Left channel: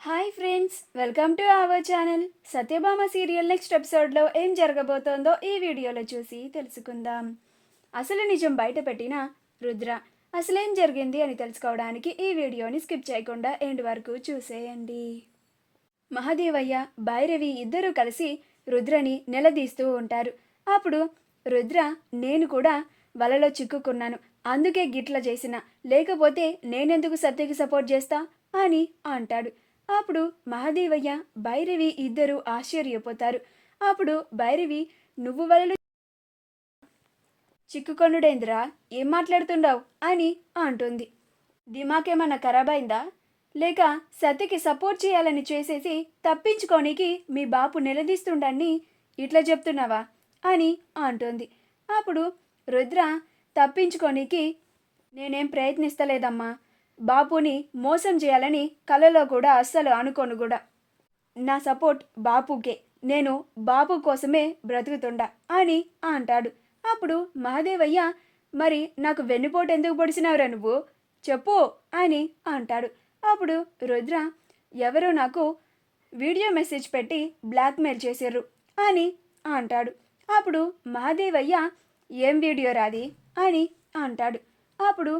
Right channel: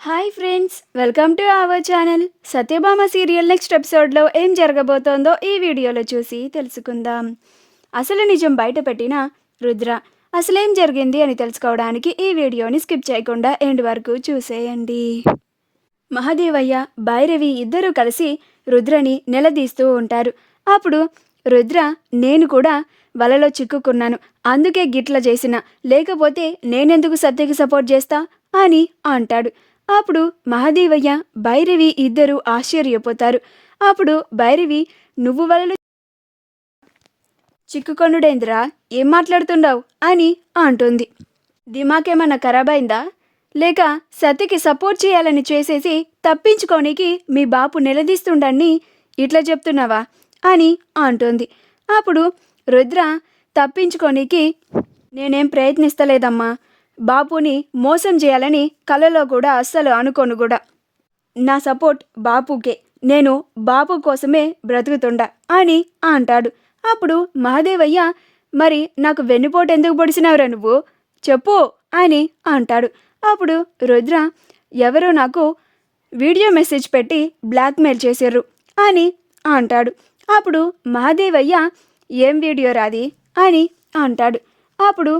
Hi friends, welcome to our channel. Satyabhama serial next ఎపిసోడ్లో ఏం జరగబోతోందో ఈ వీడియోలో చూసి తెలుసుకుందాం. అసలు నిజం బయటపెట్టిన రుద్ర అసలేం జరిగింది అని తెలుసుకోవడానికి ఈ వీడియోని స్కిప్ చేయకుండా ఎండ్ వరకు చూసేయండి. మహాదేవయ్య, భైరవి ఇద్దరూ కలిసి రుద్రని నిలదీస్తూ ఉంటారు. అప్పుడు రుద్ర, నేను కూడా వలలో చిక్కుకున్నాను, అందుకే గిట్ల చేసిన, లేకపోతే నేనెందుకు సత్యకి సపోర్ట్ చేస్తా అని అంటాడు. అప్పుడు మహాదేవయ్య, భైరవి ఇద్దరు ఆశ్చర్యపోతారు. అప్పుడు భైరవి, నువ్వు వలలో చిక్కుకొనుడేంద్రా, ఏం మాట్లాడుతున్నావు అని అంటుంది. దిమాకేమన్నా ఖరాబ్ అయిందా, లేక సత్యకి సపోర్ట్ చేయాలని చేసేసి తప్పించుకోనికి మీ బాపు నిలదీస్తుండని ఇట్లా చెప్తున్నావా అని అంటుంది. అప్పుడు రుద్ర, తప్పించుకోనికి నేనేం ప్రయత్నిస్తలేదమ్మా, బాపుని మోసం చేయాలని కలలో కూడా అస్సలు అనుకోను కూడా. నా సపోర్ట్ బాపుకే, నేను బాపు కోసమే బ్రతుకుతుండా అని అంటాడు. అప్పుడు మహాదేవయ్య, మరి నాకు వెన్నుపోటు ఎందుకు పొడిచినవరా నువ్వు, చెప్పు అని అంటాడు. అప్పుడు రుద్ర, ఎవరో నాకు వీడియో మెసేజ్ పెట్టి బ్లాక్మెయిల్ చేశారు అని అంటాడు. అప్పుడు మహాదేవయ్య, ఏం వీడియో రాది అని అంటాడు. అప్పుడు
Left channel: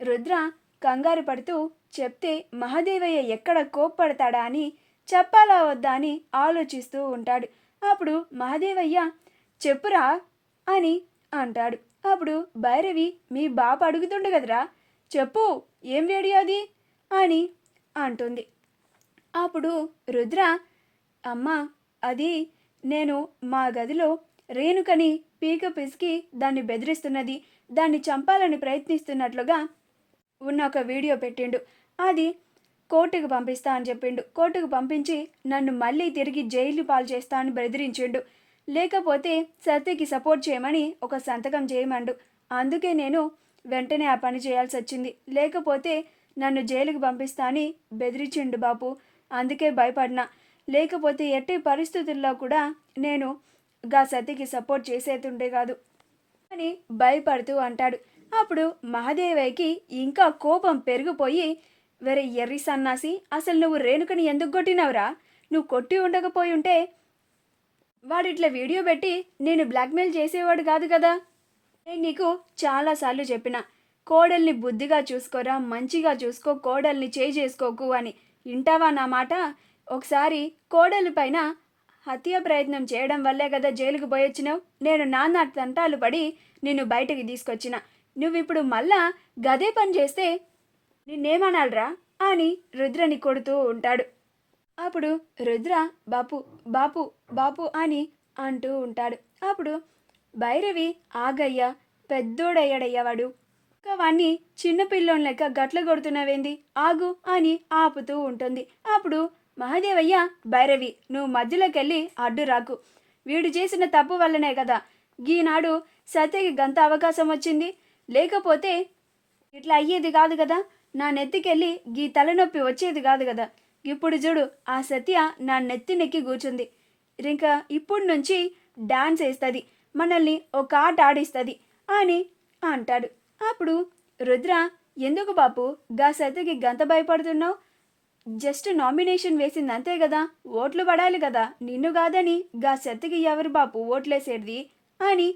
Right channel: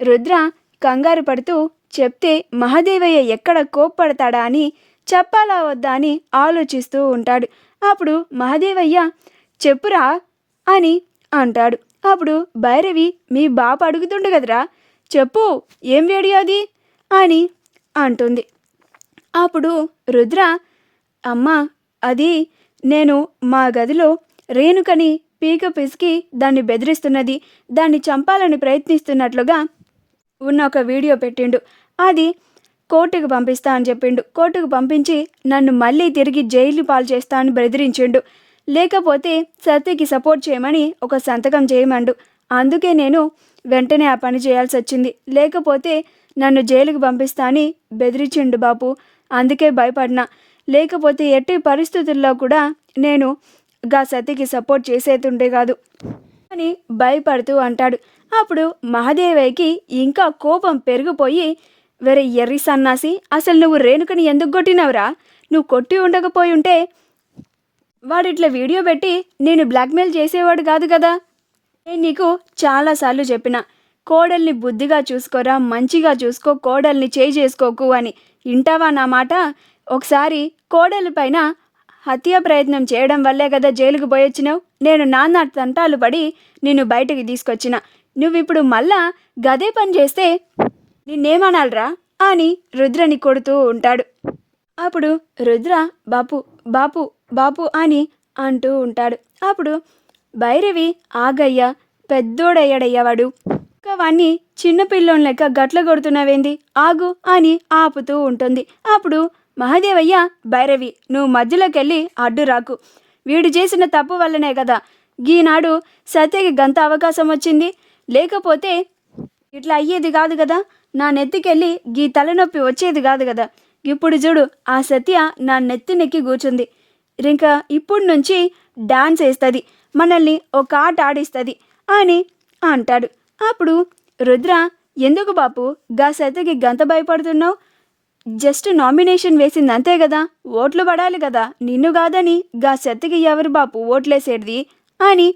రుద్ర కంగారు పడుతూ చెప్తే మహాదేవయ్య ఎక్కడ కోప్పడతాడా అని, చెప్పాలా వద్దా అని ఆలోచిస్తూ ఉంటాడు. అప్పుడు మహాదేవయ్య, చెప్పురా అని అంటాడు. అప్పుడు భైరవి, మీ బాప అడుగుతుండు కదరా, చెప్పు ఏం వీడియో అది అని అంటుంది. అప్పుడు రుద్ర, అమ్మా, అది నేను మా గదిలో రేణుకని పీక పిసికి దాన్ని బెదిరిస్తున్నది, దాన్ని చంపాలని ప్రయత్నిస్తున్నట్లుగా ఉన్న ఒక వీడియో పెట్టిండు. అది కోర్టుకు పంపిస్తా అని చెప్పిండు. కోర్టుకు పంపించి నన్ను మళ్ళీ తిరిగి జైలు పాలు చేస్తా అని బెదిరించిండు. లేకపోతే సత్యకి సపోర్ట్ చేయమని ఒక సంతకం చేయమండు. అందుకే నేను వెంటనే ఆ పని చేయాల్సి వచ్చింది. లేకపోతే నన్ను జైలుకు పంపిస్తా అని బెదిరించిండు బాపు. అందుకే భయపడినా, లేకపోతే ఎట్టి పరిస్థితుల్లో కూడా నేను సత్యకి సపోర్ట్ చేసేతుండే కాదు అని భయపడుతూ అంటాడు. అప్పుడు మహాదేవయ్యకి ఇంకా కోపం పెరిగిపోయి, వేరే ఎర్రి సన్నాసి, అసలు నువ్వు రేణుకని ఎందుకు కొట్టినవురా, నువ్వు కొట్టి ఉండకపోయి ఉంటే వాడిట్లా వీడియో పెట్టి నేను బ్లాక్మెయిల్ చేసేవాడు కాదు కదా. నేను నీకు చాలాసార్లు చెప్పిన, కోడల్ని బుద్ధిగా చూసుకోరా, మంచిగా చూసుకో, కోడల్ని చేసుకోకు అని. వింటావా నా మాట? ఒకసారి కోడలి పైన హత్యా ప్రయత్నం చేయడం వల్లే కదా జైలుకు పోయొచ్చినావు. నేను నాన్న తంటాలు పడి నిన్ను బయటకు తీసుకొచ్చిన, నువ్విప్పుడు మళ్ళా గదే పని చేస్తే నిన్నేమనాలరా అని రుద్రని కొడుతూ ఉంటాడు. అప్పుడు రుద్ర, బాపు బాపు బాపు అని అంటూ ఉంటాడు. అప్పుడు భైరవి, ఆగయ్య, పెద్దోడయ్యాడయ్యవాడు, వాణ్ణి చిన్నపిల్లోని లెక్క గట్ల కొడుతున్నావేంది, ఆగు అని ఆపుతూ ఉంటుంది. అప్పుడు మహాదేవయ్య, భైరవి, నువ్వు మధ్యలోకెళ్ళి అడ్డు రాకు, వీడు చేసిన తప్పు వల్లనే కదా ఈనాడు సత్యకి గంత అవకాశం వచ్చింది, లేకపోతే ఇట్లా అయ్యేది కాదు కదా, నా నెత్తికెళ్ళి గీ తలనొప్పి వచ్చేది కాదు కదా. ఇప్పుడు చూడు, ఆ సత్య నా నెత్తి నెక్కి కూర్చుంది, ఇంకా ఇప్పుడు నుంచి డాన్స్ వేస్తుంది, మనల్ని ఒక ఆట ఆడిస్తుంది అని అంటాడు. అప్పుడు రుద్ర, ఎందుకు బాపు సత్యకి గంత భయపడుతున్నావు, జస్ట్ నామినేషన్ వేసింది అంతే కదా, ఓట్లు పడాలి కదా, నిన్ను కాదని సత్యకి ఎవరు బాపు ఓట్లేసేది అని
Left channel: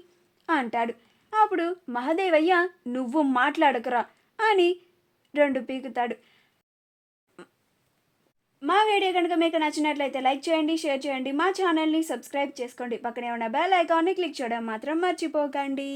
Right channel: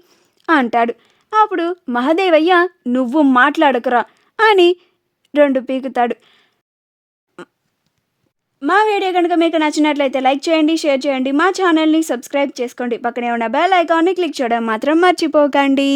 అంటాడు. అప్పుడు మహాదేవయ్య, నువ్వు మాట్లాడకురా అని రెండు పీకుతాడు. మా వీడియో కనుక మీకు నచ్చినట్లయితే లైక్ చేయండి, షేర్ చేయండి, మా ఛానల్ని సబ్స్క్రైబ్ చేసుకోండి, పక్కనే ఉన్న బెల్ ఐకాన్ని క్లిక్ చేయడం మాత్రం మర్చిపోకండి.